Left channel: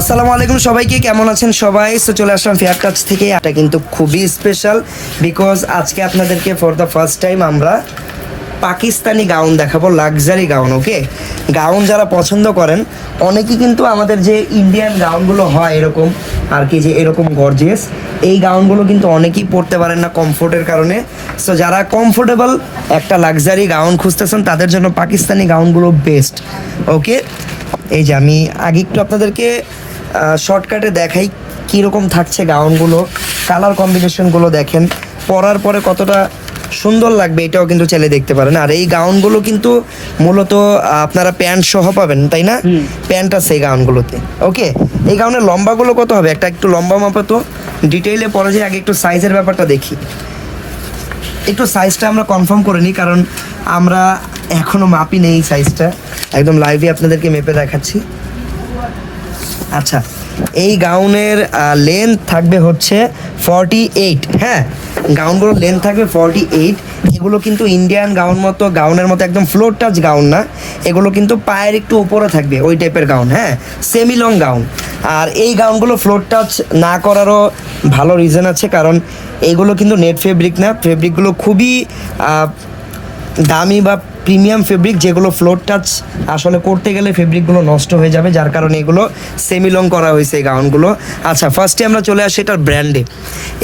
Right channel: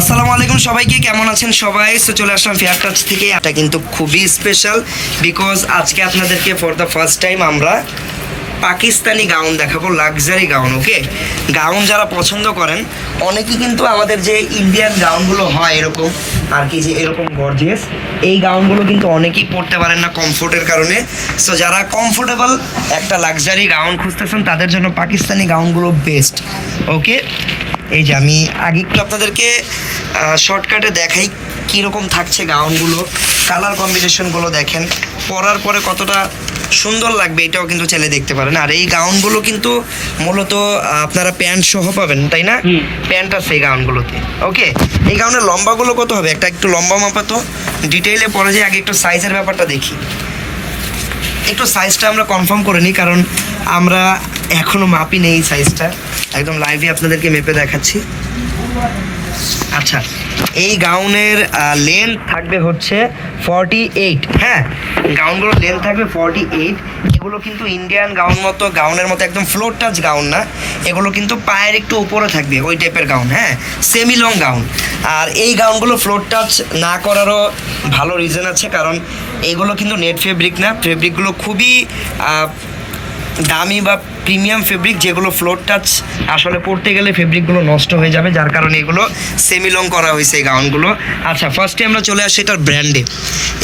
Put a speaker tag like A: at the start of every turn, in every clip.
A: আসসালামু আলাইকুম সবাইকে, কেমন আছেন সবাই? সো চলে আসলাম ফেয়ার টাচ থেকে। এটা কিন্তু খুবই স্পেশাল বিকজ আজকে আপনাদেরকে ফর দ্য ফার্স্ট টাইম আমরা পাকিস্তানি গাউন দেখাবো লাক্সারি গাউন ওকে গাউন যারা পছন্দ করেন, অনেকেই কিন্তু আমাদের যে ইন্ডিয়ান গাউনগুলো হয় এরকম, আর কি যে এরকম গর্জিয়াস এই গাউনগুলো কিন্তু অনেকেই পরতে পারেন না কমফোর্টের কারণে। সো যারা কমফোর্টেবল একটা লাক্সারি গাউন খুঁজতেছেন, তাদের জন্য পাকিস্তানি গাউনগুলো বেস্ট ওকে এই যে আমি আগে একটু আপনাদেরকে শর্টকাটে দেখাই কীরকম থাকছে গাউনগুলো কালার কম্বিনেশনগুলো দেখেন, পরার পরে কতটা সুন্দর লাগবে এটাও কিন্তু চাইলে দেখতে পারেন। আর এই গাউনগুলো কিন্তু মূলত আপনারা প্যান্ট সহ পাবেন তাই না? প্যান্ট আছে এই গাউনগুলোতে ওকে? এই গাউনের লম্বাগুলো কত হবে? একটা একটু লম্বা মাপা তো। ডিটেইলে পরে যে আগে একটু সাইজের ব্যাপারটা দেখি। একটু সাইজটা আমরা কনফার্ম করে নিই কারণ আমরা এখনও মাপি নেই সাইজটা। একদম লাইভে আপনাদেরকে মেপে দেখাচ্ছি। আচ্ছা। এই গাউনের লেন্থ থাকবে হচ্ছে ফর্টি এইট হ্যাঁ গাউনগুলোর লেন্থ থাকবে ফর্টি এইট এগুলো কিন্তু ইন্ডিয়ান গাউন মতো, গাউনের মতো একদম ফ্লোর টাচ গাউন না। এগুলো কিন্তু পায়ের একটু উপরে থাকবে, ওই টাইপের গাউন হ্যাঁ? Semi long gown. আর এই গাউনগুলো ফ্লোর টাচ না করারও ভালো রিজন আছে, কারণ এগুলো কিন্তু নেট ফেব্রিক না। ফেব্রিকগুলো খুবই দামি বা প্রিমিয়াম ফেব্রিক যেগুলো ফ্লোর টাচ আসলে পড়তে গেলে ফেব্রিকগুলো নষ্ট হয়ে যাবে, যার কারণে এগুলো সেমি লং করা হয়েছে এই গাউনগুলো আচ্ছা ফার্স্টে আমরা চলে আসি এটার ব্র্যান্ডে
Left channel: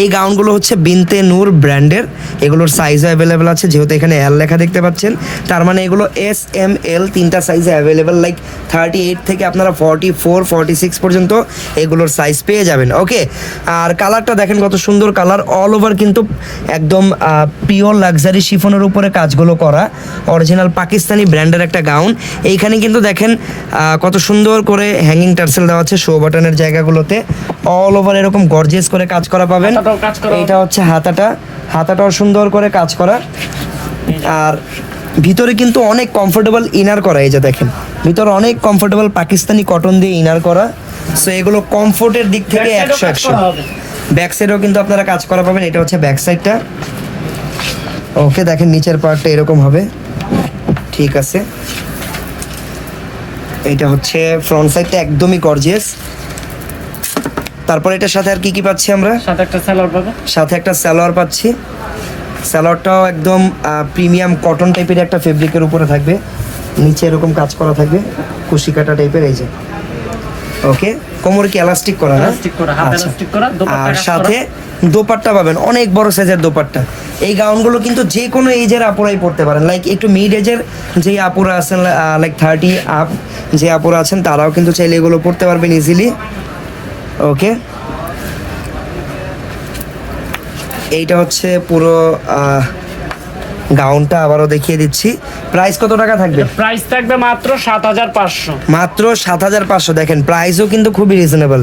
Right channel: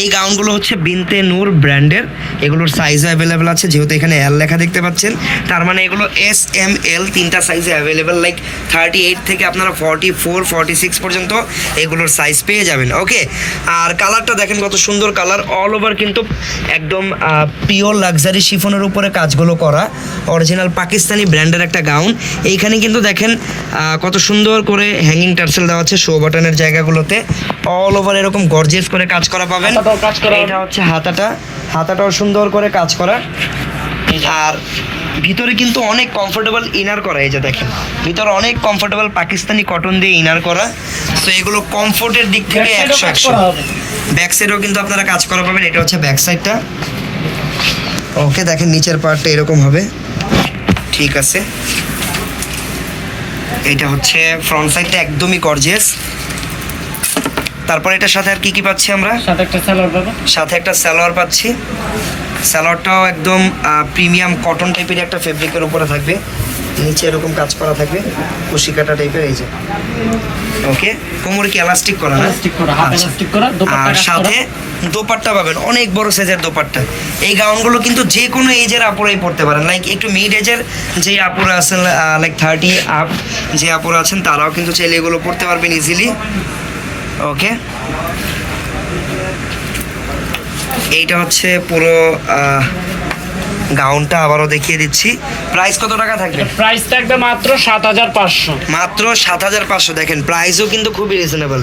A: এই গাউনগুলো হচ্ছে বিনতে নূর ব্র্যান্ডের এগুলোর সাইজ অ্যাভেলেবেল আছে, যেহেতু এখানে এল লেখা দেখতে পাচ্ছেন। তার মানে এগুলো এস এম এল তিনটা সাইজে অ্যাভেলেবেল লাইক থার্টি এইট থেকে আপনারা ফর্টি ফোর ফর্টি সিক্স পর্যন্ত এগুলোর সাইজ পেয়ে যাবেন ওকে আর কালারটা দেখেন কত সুন্দর কালার অল ওভার কিন্তু একদম পিওর লাক্সারি শিফনের উপরে কাজগুলো করা অরিজিনাল পাকিস্তানি ব্র্যান্ডের একটা গাউন। এইখানে কিন্তু দেখেন কত সুন্দর করে হ্যাঙ্গিং টার্সেল দেওয়া আছে শো বাটনের জায়গাগুলোতে। অল ওভার এরকম গর্জিয়াস করে কাজ করা পাবেন। এটা হচ্ছে হাতাটা। হাতাটাও সুন্দর করে কাজ করা। আর ভিতরে কিন্তু অনেক কমফোর্টেবল ইনার করা এই যে দেখেন। ভিতরে অনেক কমফোর্টেবল পাকিস্তানি কটন দিয়ে ইনার করা। সো এগুলো কমফোর্টের দিক থেকে একশো একশো ব্যাক সাইডেও কিন্তু আপনারা কাজ করা পাবেন। এটা হচ্ছে ব্যাক সাইডটা ওকে দেখেন নিচের পার্টটা এরকম হবে। ঠিক আছে। এটা হচ্ছে ফ্রন্ট সাইডটা একদমই গর্জিয়াস তারপর এটার সাথে আর কি কি পাচ্ছি আমরা?
B: সাথে একটা সালোয়ার পাবো।
A: সাথে একটা সালোয়ার পাচ্ছি। সালোয়ারটাও একদম প্রিমিয়াম কটন টাইপের একটা ফেব্রিকের উপরে থাকবে। নিচে এরকম কাজ করা থাকবে কুশি কাটা টাইপের এই যে। ওকে? কোমর কি এলাস্টিক করা না
B: করা, হাত
A: আচ্ছা।
B: elastic করা, দোপাট্টা
A: আর সাথে দোপাট্টা পাবেন অনেক বড় সাইজের দোপাট্টা। এই গাউনগুলো কিন্তু যে কোনো এজের আপুরাই পড়তে পারেন। লাইক একটু মিড এজের যে আপুরা আছেন লাইক থার্টি আপ যে আপুরা আছেন তারাও কিন্তু চাইলে এগুলো পড়তে পারবেন ইজিলি ওকে এইটা হচ্ছে পুরো গাউনটা আবারও দেখিয়ে দিচ্ছি। প্রাইস কত টাকা থাকবে?
B: প্রাইস থাকবে মাত্র সাত হাজার পাঁচশো।
A: মাত্র সাত হাজার পাঁচশো। দেখেন প্রাইসও কিন্তু খুবই রিজনেবল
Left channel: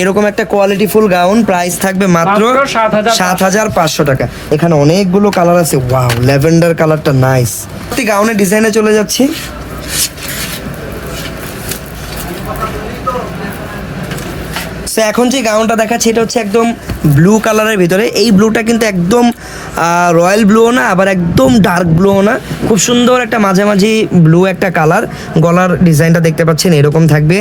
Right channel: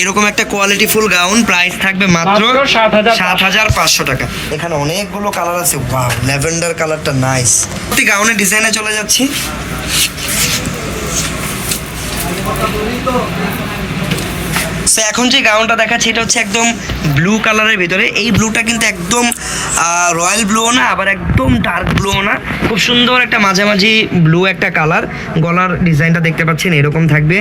A: এরকম একটা কোয়ালিটি ফুল গাউন প্রাইস থাকবে মাত্র
B: মাত্র 7,500
A: সাত হাজার পাঁচশো টাকা। এখানে অনেকগুলো কালার আছে। ওয়াও ল্যাভেন্ডার কালারটা নাইস গাউনের ডিজাইনে চলে যাচ্ছি। সো এখন যে গাউনটা দেখাচ্ছি এটা হচ্ছে একদম ব্লু কালারের ভিতরে। এই ব্লুটা কিন্তু একদম রয়্যাল ব্লুও না আবার একদম ডার্ক ব্লুও না। খুব সুন্দর একটা মাঝামাঝি ব্লু একটা কালার গলার ডিজাইনটা দেখতে পাচ্ছেন এরকম থাকবে।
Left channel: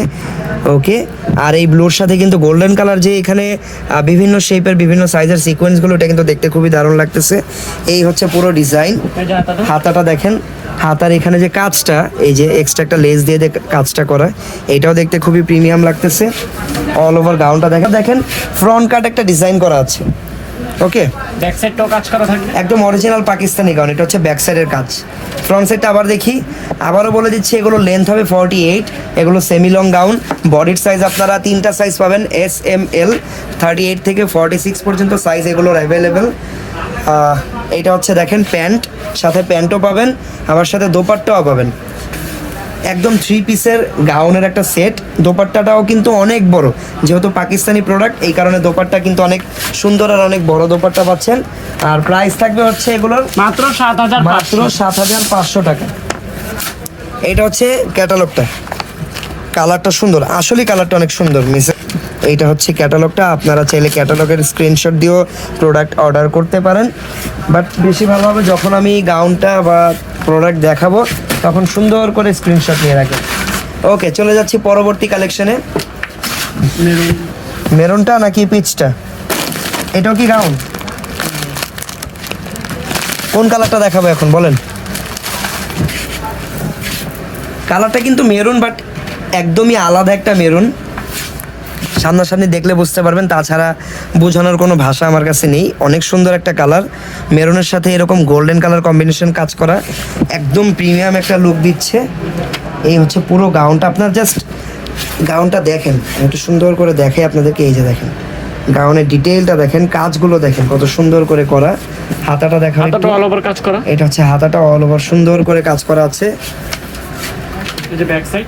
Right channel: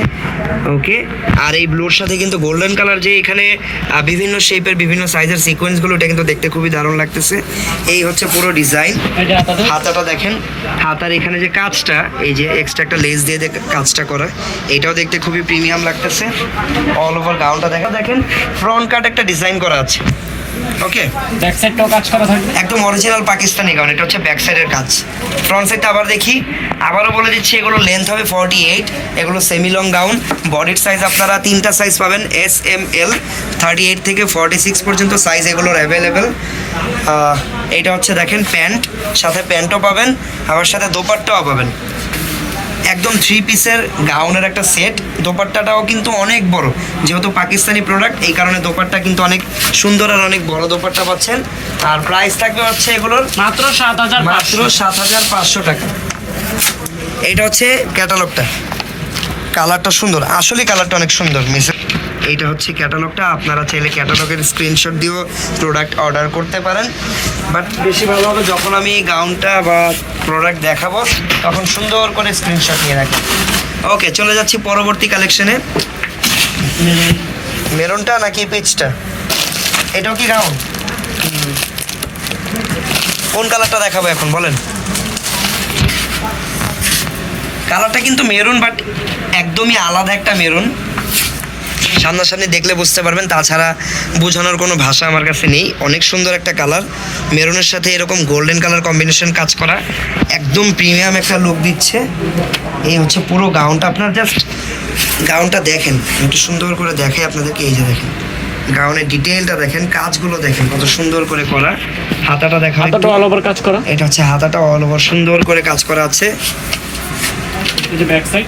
A: ওকে আর এই ব্লুর সাথে কিন্তু গোল্ডেন কালার যে এখানে বিভিন্ন শেপের বিভিন্ন সাইজের সিকোয়েন্সগুলো এটা কিন্তু দেখতে খুবই দারুণ লাগতেছে। এই হচ্ছে পুরো ডিজাইন হাতাটা দেখেন। হাতার এখানে যে কাজটা এই যে এক্সট্রা একটা লেস দিয়ে কাজটা করা এটাও দেখতে খুবই প্রিমিয়াম লাগতেছে। অল ওভার গাউনটা দেখেন। দেখেন ফ্রন্ট কাট একটা ডিজাইন করা আছে। ওকে
B: ব্যাক সাইডটাও কাজ করা থাকবে?
A: একদম অরিজিনাল পাকিস্তানি গাউন এটা হচ্ছে ব্যাক সাইডের কাজ। ফ্রন্ট সাইডটা আবার দেখি আবারও বলে দিচ্ছি এগুলো লেন্থ হবে ফর্টি এইট এগুলো সেমি লং গাউন বডির সাইজ আপনারা তিনটা সাইজ পাবেন S M L thirty eight থেকে ফর্টি সিক্স পর্যন্ত সাইজ এগুলোর অ্যাভেলেবেল এটা হচ্ছে দেখেন প্যান্ট। সাথে প্যান্টও পাবেন আবার সাথে দোপাট্টাও পাবেন। একদম থ্রি পিসের গাউনের একটা সেট দোপাট্টাটাও কিন্তু অনেক বড়। যেহেতু পাকিস্তানি প্রোডাক্ট এই কারণে দোপাট্টা কিন্তু অনেক সুন্দর আর অনেক বড় দোপাট্টা পাচ্ছেন। আর প্রাইস থাকবে হচ্ছে এগুলোর
B: মাত্র সাত হাজার
A: মাত্র সাত হাজার পাঁচশো টাকা। এটা হচ্ছে ক্যাটালগটা কালারটা সুন্দর। আসলে কালারটা অনেক সুন্দর মিস এইটা হচ্ছে ক্যাটালগটা। আপনারা চাইলে ক্যাটালগের স্ক্রিনশট দিয়েও প্রোডাক্ট অর্ডার করতে পারেন। বাট বেশি ভালো হবে যখন আমি গাউনটা বা প্রোডাক্ট দেখাবো, তখন সুন্দর করে স্ক্রিনশট নিয়ে রাখেন। ওকে চলে যাচ্ছি পরবর্তী কালেকশনে
B: মেরুন
A: মেরুনটা নাকি পিচটা এটাও কি গাউন কোন কালারটা দেখাবো এখন, বলেন? কালারটা কিন্তু মেরুন বাট একদমই আলাদা একটা মেরুন। সামনাসামনি দেখলে বুঝতে পারবেন তাছাড়া বোঝানোর কোনো ভাষা আমার কাছে নেই। অনেক সুন্দর একটা কালার মেরুনের সাথে এরকম গোল্ডেন কালার কম্বিনেশন কাজ করা। একদম প্রিমিয়াম একটা লুক দিচ্ছে। এই হচ্ছে পুরো গাউনটা আপনার জাস্ট গাউনটা দেখেন। একটু সুন্দর করে দেখে আপনাদেরকে। এই যে দেখেন গাউনের ডিটেলটা দেখেন। কাজগুলো দেখেন কত সুন্দর করে করা। হাতাটা দেখা
B: হাতাটা অল ওভার কাজ করা।
A: এটা হচ্ছে হাতাটা অল ওভার সুন্দর করে কাজ করা আছে।
B: এই যে ব্যাক সাইড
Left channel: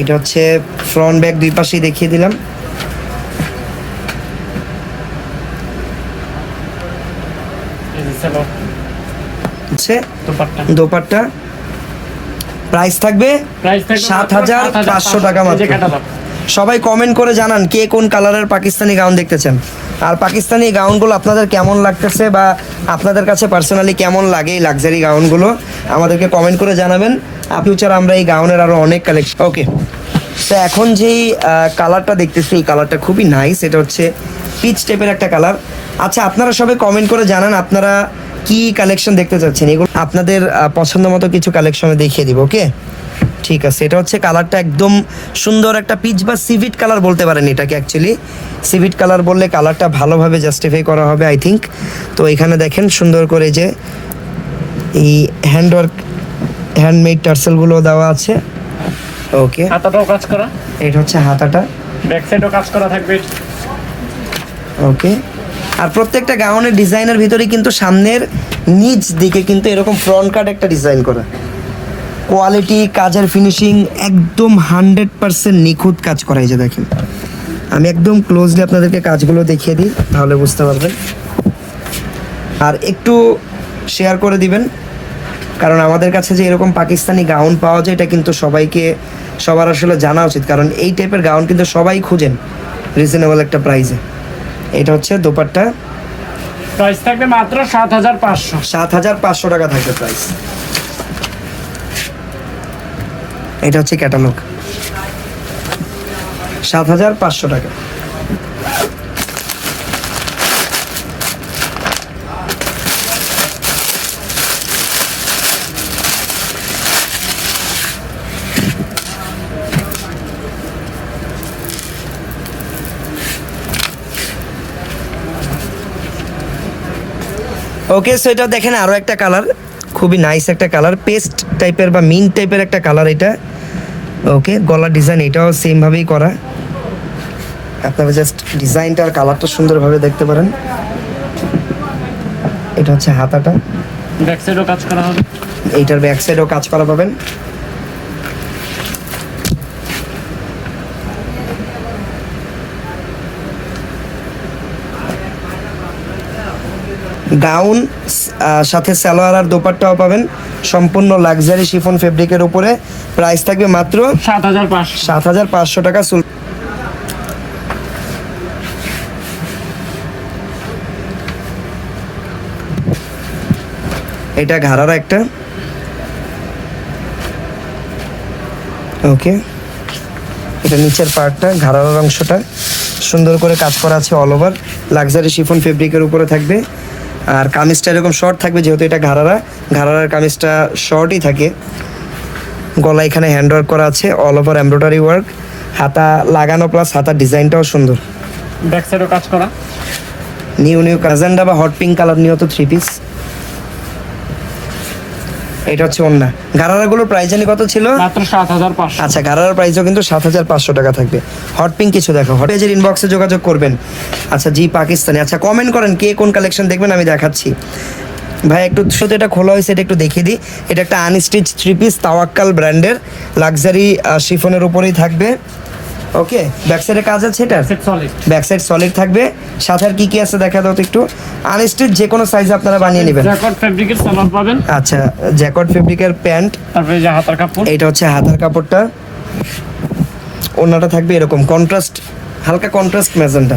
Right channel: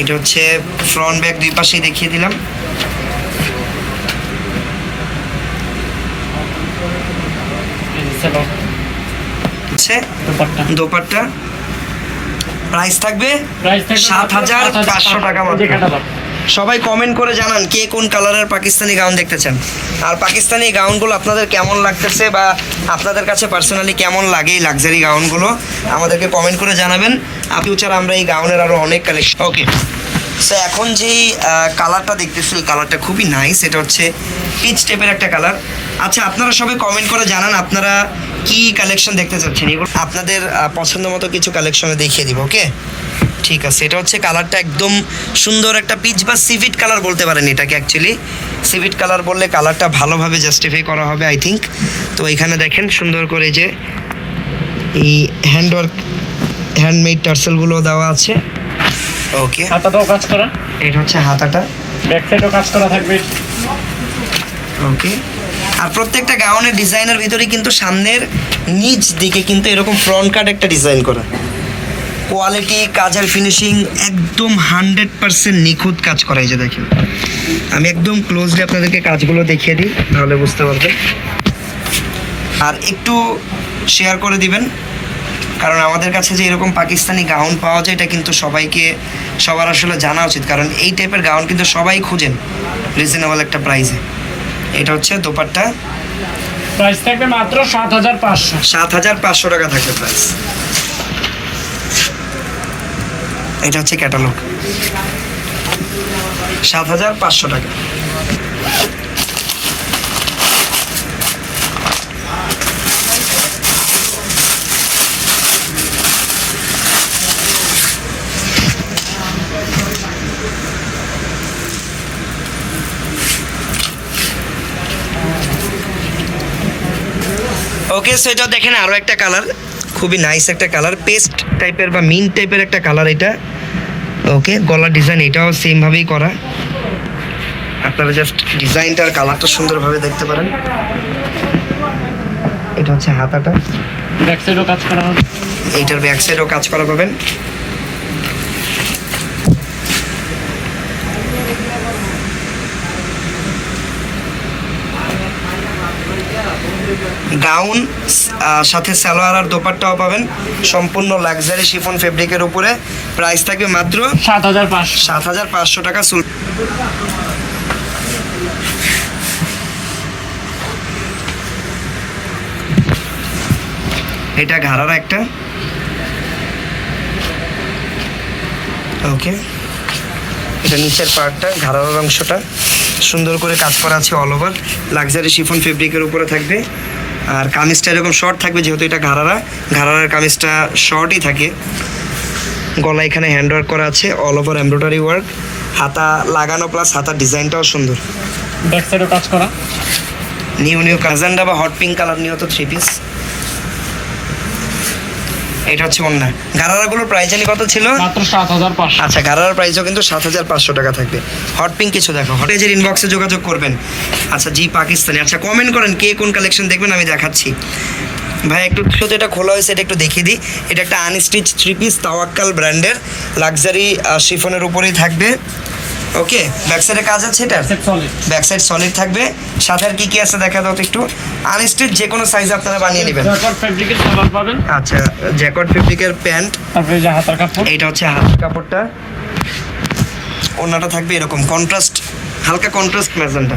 A: এটা হচ্ছে ফ্রন্ট ব্যাক দুই পাশেই দেখিয়ে দিলাম। হচ্ছে
B: দোপাট্টা।
A: দোপাট্টা। প্রাইস থাকবে
B: প্রাইস থাকবে
A: সাত হাজার পাঁচশো টাকা মাত্র। সবাই কমেন্ট করে জানান কে কোন কালারের পাকিস্তানি গাউন দেখতে চান। আর পাকিস্তানি গাউনগুলো আপনাদের কেমন লাগতেছে বা আপনাদের কাছে পার্সোনালি কেমন লাগে এই লাক্সারি গাউনগুলো আমাদেরকে কমেন্ট করে জানাবেন। ফিউচার আমরা এই গাউনের আরও অনেক কালেকশন ওকে সো এখন যেই কালারটা দেখতেছি, এই কালারটা খুবই নাইস এটা হচ্ছে পিচ টাইপের একটা কালার আচ্ছা আপনারা সবাই কমেন্ট করে জানান আপনারা কি কালেকশন দেখতে চাচ্ছেন। এগুলো আপনাদের পছন্দ মতো কিছু কালেকশনে দেখিয়ে দিব ওকে ঠিক আছে এটা হচ্ছে কালারটা একদম সুন্দর একটা পিচ বা সিভিট কালার বলতে পারেন এটাকে অ্যাকচুয়ালি সিভিট কালার বললে কালারটা ভালোভাবে জাস্টিফাই করা হবে আই থিঙ্ক তো এখানে দেখেন সুন্দর করে যে এই হ্যান্ডওয়ার্ক হ্যান্ডমেড টার্সেলগুলো দেওয়া আছে। ওকে
B: হাতাটাও কাজ করা।
A: এটা হচ্ছে হাতাটা।
B: ব্যাক সাইডও কাজ করা থাকবে।
A: ওকে আর প্রত্যেকটা গাউনের ডিজাইনের ভিতরে কিন্তু সামনের নিচ দিকে কিন্তু এরকম ফ্রন্ট কাট একটা ডিজাইন করা। কোয়ালিটি কাজের ফিনিশিং একদম হান্ড্রেড পার্সেন্ট নিখুঁত কাজ করা যে দেখেন। আমি একদম ক্লোজলি আপনাদেরকে কাজগুলো দেখিয়ে দিই তাহলে বুঝতে পারবেন। আর একটু শেয়ার করে দিবেন কারণ আমাদের কাছে যে এরকম পাকিস্তানি গাউন পাওয়া যায় এটা কিন্তু সবাইকে সবার আসলে জানা উচিত কারণ এই টাইপের গাউন কিন্তু সবাই খুঁজেন রিজনেবল একটা প্রাইসে এটা হচ্ছে দোপাট্টা।
B: প্রাইস থাকবে মাত্র সাত হাজার পাঁচশো।
A: সাত হাজার পাঁচশো টাকা থাকবে প্রাইস এটা হচ্ছে ক্যাটালগ। সাত হাজার পাঁচশো টাকা। ওকে সো এটা দেখেন আরও একটা কালার খুবই নাইস একটা কালার পেস্ট টাইপের বা মিন টাইপের একটা কালার এটা। ওকে গলার ডিজাইন এটাও সেমভাবেই করা। আপনারা জাস্ট ডিজাইনটা আর কালারটা সুন্দরভাবে দেখতে পারেন। এটা হচ্ছে হাতাটা।
B: ব্যাক সাইডও কাজ করা হবে।
A: এইটার ব্যাক সাইডও কাজ করা পাবেন। গাউন সাথে সালোয়ার আর দোপাট্টাও পাবেন। সম্পূর্ণ লাক্সারি শিফন ফেব্রিকের উপরে। প্রাইস থাকবে মাত্র
B: সাত হাজার পাঁচশো।
A: সাত হাজার পাঁচশো টাকা। সুল এটা ঘাড়ার একটা। ওকে এটা নিচের পার্টটা ঘাড়ার অংশটা। সুন্দর করে কাজ করা আছে অল ওভার লাক্সারি শিফন ফেব্রিকের উপরে থাকবে। আর কামিজটা এরকম শর্ট থাকবে যেহেতু এটা ঘাড়ারা। ঘাড়ারার কামিজটা শর্টই থাকে। গলা এখানে হ্যান্ডওয়ার্ক করা আছে অল ওভার এমব্রয়ডারি ওয়ার্ক হাতা লাগানো প্লাস হাতার ডিজাইনটাও সুন্দর।
B: ব্যাক সাইডও কাজ করা।
A: নিউ নিউ কাজান্ডা বা হট পিঙ্ক কালার নিয়ে তো থ্রি পিস এটা হচ্ছে অন্য গারারাগুলোর প্রাইস জানি কত ছিল?
B: মাত্র সাত হাজার পাঁচশো।
A: আচ্ছা গারারার প্রাইসও কিন্তু সাত হাজার পাঁচশো টাকা থাকবে। হট পিঙ্ক কিছু দেখো। হট পেজের ইনবক্সে যোগাযোগ করবেন। আচ্ছা জি পাকিস্তানি। আচ্ছা কমেন্ট করেন কে কোন কালেকশন দেখবেন আমি দেখাচ্ছি। ভাই একটু শুধু এটা খোলা হয়েছে এটা একটু দেখিয়ে দিই। এটা একটা আনস্টিচ থ্রি পিস তাওয়াক্কাল ব্র্যান্ডের লাক্সারি শিফনের উপরেই থাকবে। ওকে ব্যাক সাইডে কাজ আছে এটা
B: set solid
A: back side solid থাকবে। সাথে আর কি কি আছে দেখা দাও তো একটু। আনস্টিচ যে কোনো সাইজ আপনারা বানিয়ে নেবেন।
B: জ্যাকট ফেব্রিকের সালোয়ার পাবেন।
A: আচ্ছা জ্যাকট ফেব্রিকের প্যান্ট
B: তারপরে যে হাতার কাপড়।
A: এইটা হচ্ছে হাতের কাপড়টা। ওড়নাটা থাকবে এরকম কন্ট্রাস্ট হালকা কন্ট্রাস্ট ম্যাজেন্টা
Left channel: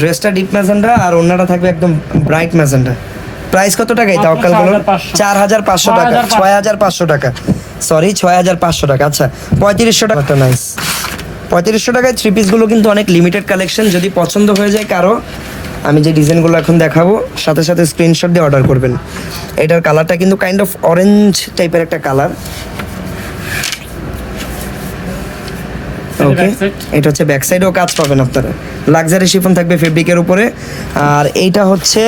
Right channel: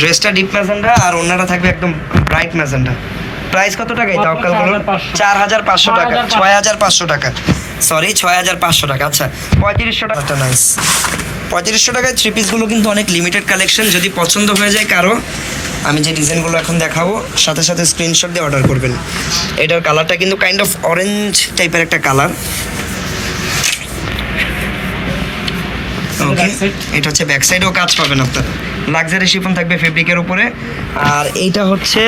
A: ড্রেসটা ডিপ ম্যাজেন্টা আর ওড়নাটা থাকবে একদম ব্রাইট ম্যাজেন্টা প্রাইস কত টাকায় তাওকাল
B: 4,500
A: চার হাজার পাঁচশো। টাকা। ছয় হাজার পাঁচশো। টাকা। সরি ছয় হাজার পাঁচশো টাকা। আচ্ছা পঁয়ত্রিশশো টাকা। নাইস পঁয়ত্রিশশো টাকায় থ্রি পিসগুলো কিন্তু অনেক লিমিটেড কালেকশন যদি পছন্দ হয়ে যায় কারও আমি যে ডিজাইনগুলো এখন দেখাবো সাথে সাথে স্ক্রিনশট দিয়ে অর্ডার করবেন। এটার কালারটা কিন্তু কাইন্ড অফ অরেঞ্জ টাইপের একটা কালার ওকে এটা হচ্ছে ব্যাক সাইডেও কাজ পাবেন আপনারা। লাক্সারি শিফন থাকবে ফেব্রিকের উপরে। আর এইটা হচ্ছে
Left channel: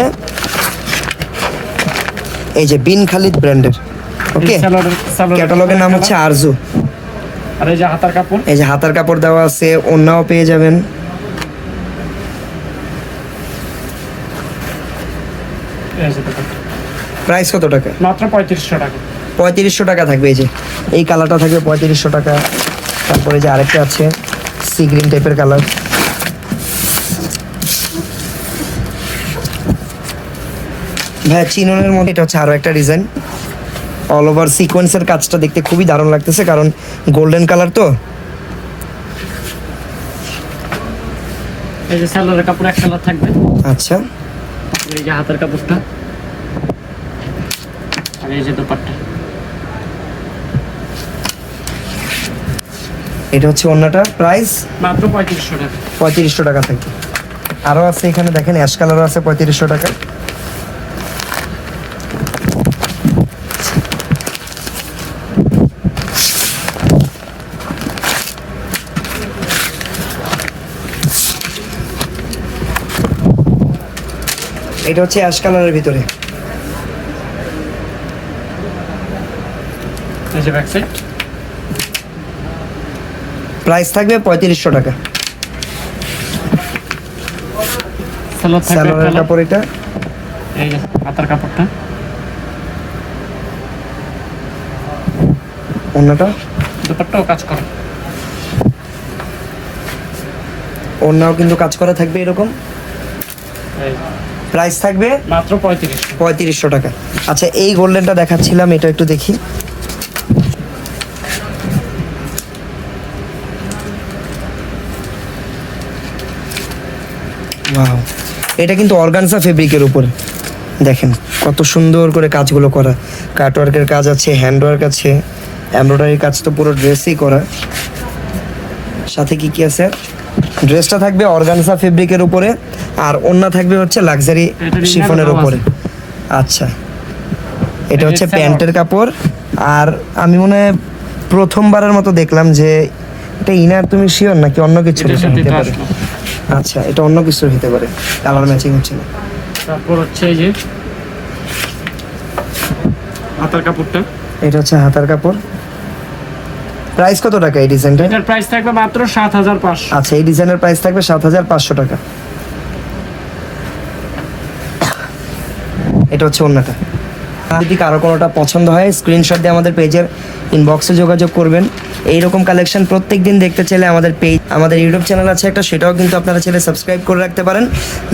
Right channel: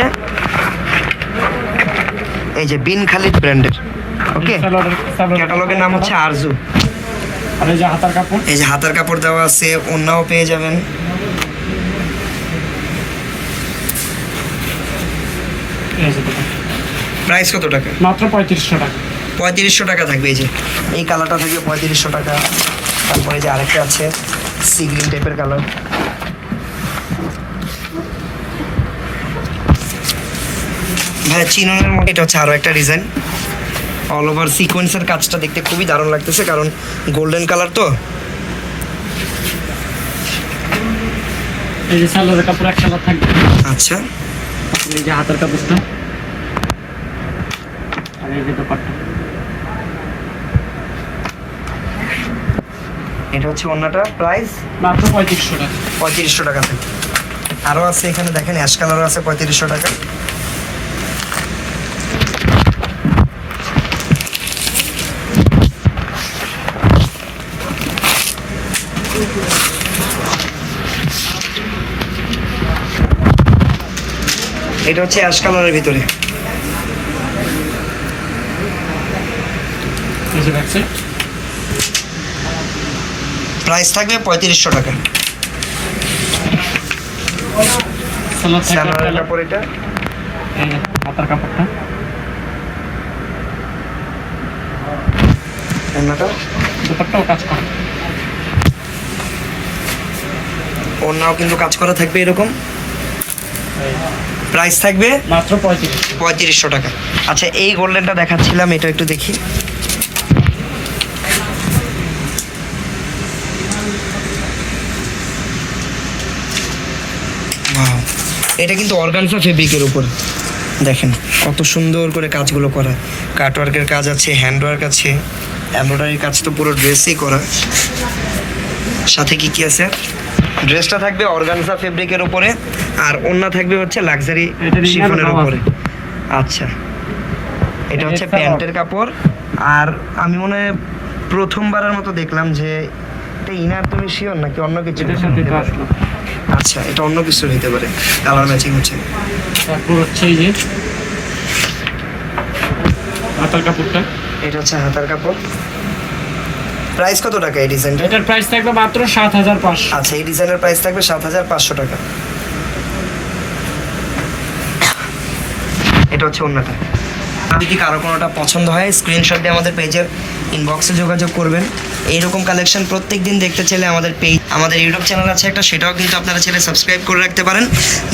A: এই যে বিন খালিদ ব্র্যান্ডের ওকে ক্যাটালগের নাম হচ্ছে আরজু
B: আর এই যে হাতার কাপড়?
A: এই যে হাতার কাপড় দেওয়া আছে অন্যও পেয়ে যাবেন। প্রাইস কত টাকা?
B: মাত্র পঁয়ত্রিশশো টাকা।
A: পঁয়ত্রিশশো টাকা থাকবে এই যে। এই কালারটা থাকবে পঁয়ত্রিশশো টাকা। তারপরে যে আরেকটা আছে সি গ্রিন টাইপের কালার। ভাই চিননের মধ্যে এটা হচ্ছে আরও একটা ডিজাইন অল ওভার সিকোয়েন্সের কাজটা দেখতে খুবই দারুণ লাগতেছে কারণ গোল্ডেন কালার তো।
B: এই যে স্যালোয়ারের কাপড় এক কালার থাকবে।
A: আচ্ছা।
B: এই যে হাতার কাপড়টা। আর এই যে দোপাট্টা।
A: এটা হচ্ছে অন্যটা প্রাইস
B: মাত্র পঁয়ত্রিশশো টাকা।
A: পঁয়ত্রিশশো টাকা থেকে। আরও আছে এখানে দেখেন অ্যাশ কালারও আছে পঁয়ত্রিশশো টাকা এটা হচ্ছে অ্যাশ কালারের ভিতরে। প্রাইস থাকবে পঁয়ত্রিশশো টাকা। কাপড় এটা।
B: হাতার কাপড়টা।
A: অন্যটা?
B: দোপাট্টাও কাজ করে।
A: অন্যও কিন্তু কাজ করা থাকবে এরকম। প্রাইস থাকবে
B: মাত্র পঁয়ত্রিশ।
A: পঁয়ত্রিশশো টাকা। আচ্ছা এই গোল্ডেনটা দেখাচ্ছিলাম এটা একটু দেখি। এটা কিন্তু অর্গানসা ফেব্রিকের উপর। দেখেন কত সুন্দর করে কাজগুলো করা। কাটওয়ার্কের কাজ আছে হ্যান্ডওয়ার্ক আছে এমব্রয়ডারির কাজ তো পুরো ড্রেসেই করা। সাথে কি কি আছে? ড্রেসটা থাকবে অর্গানসা ফেব্রিকের উপরে। আর অন্য থাকবে হচ্ছে লাক্সারি শিফনের উপরে। আচ্ছা। এটা হচ্ছে প্যান্টের কাপড়। আর আমি মনে হয় প্রথমবারের মতো দেখলাম যে এটা ইনার তুমি শিওর নাকি অন্য কিছু হতে পারে? আচ্ছা এটা অন্য কিছু হতে পারে। কালার ম্যাচিং হচ্ছে
B: তারপর হচ্ছে এই যে হাতার কাপড়টা।
A: এটা হচ্ছে হাতার কাপড়। প্রাইস কত টাকা এই ডিজাইনটা
B: এটার প্রাইস থাকবে মাত্র সাত হাজার পাঁচশো।
A: আচ্ছা এই ডিজাইনের প্রাইস থাকবে সাত হাজার পাঁচশো টাকা। এটা হচ্ছে অন্যটা। যদি কারও কোনোটা পছন্দ হয় স্ক্রিনশট দিয়ে আমাদের পেজের ইনবক্সে যোগাযোগ করবেন। এইরকম কালেকশন প্রত্যেক দিন দেখতে চাইলে আমাদের পেজ আমাদের ইউটিউব চ্যানেল আছে একটা, সেটাও কিন্তু আপনারা ছেলে সাবস্ক্রাইব করে রাখতে পারেন।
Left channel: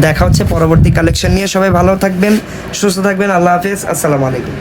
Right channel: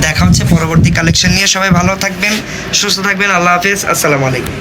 A: দেখা হচ্ছে পরবর্তী কালেকশন নিয়ে। সবাই ভালো থাকবেন, সুস্থ থাকবেন। আল্লাহ হাফেজ। আসসালামু আলাইকুম।